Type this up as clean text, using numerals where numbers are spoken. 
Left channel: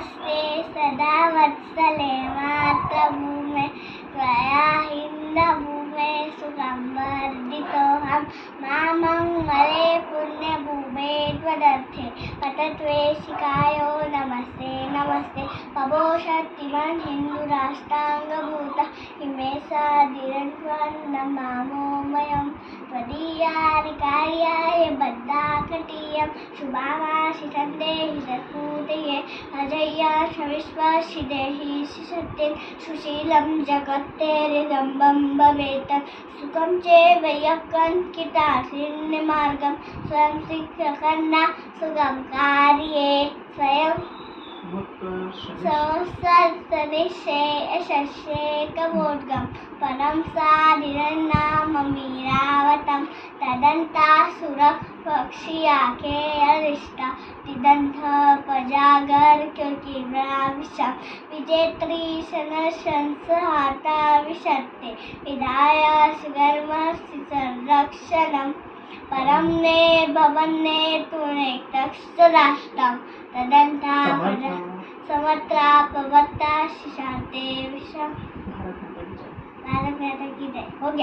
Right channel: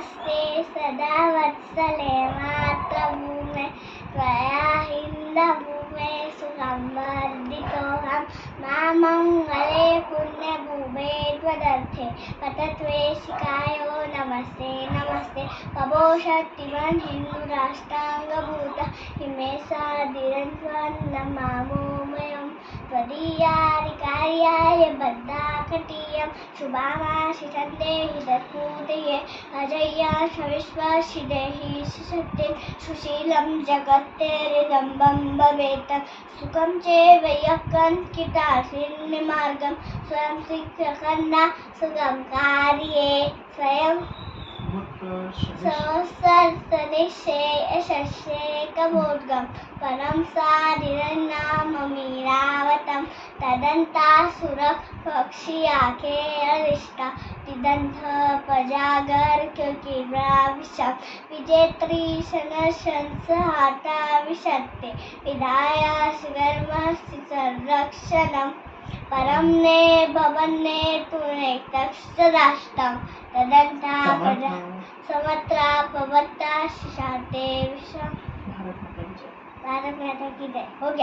नमस्ते सदा वत्सले मातृभूमे त्वया हिन्दभूमे सुखं वर्धितोऽहं मामङ्गले पुण्यभूमे त्वदर्थे पतत्वेशिकायो नमस्ते नमस्ते पवोषत्तिवन् हिन्दुराष्ट्राङ्गभूता इमे सदिरन्त्वन्नमामोमयं त्वदीयानि कार्याय बद्धाकटीयं शुभामाशिषन्देहि तत्पूतये अजय्याश विश्वसिदेहि सुसत्ते सुशीलं जगत्तेरिदम्बं भवेत् सुखं चैव यत्कण्ठितासिन्निमार्गं स्वयं शिक्षकन्ना सुखं कार्ये स्वयं सदृशे यशस्येकमोद्गं परं साधिरन्नाममीरावतं तदन्तासुरपक्षियाखे अरिष्टा तिदन्थपजागर किब्राविशं विजेत्री शनशंसहाता विशत्ते विधाय सुगर्मस्य संरक्षणं परं ने भवन्ने तुने तक्षदाष्टं तदन्ता समत्रा पवत्ता शिशाते विषा भारत माता की जय हो गया।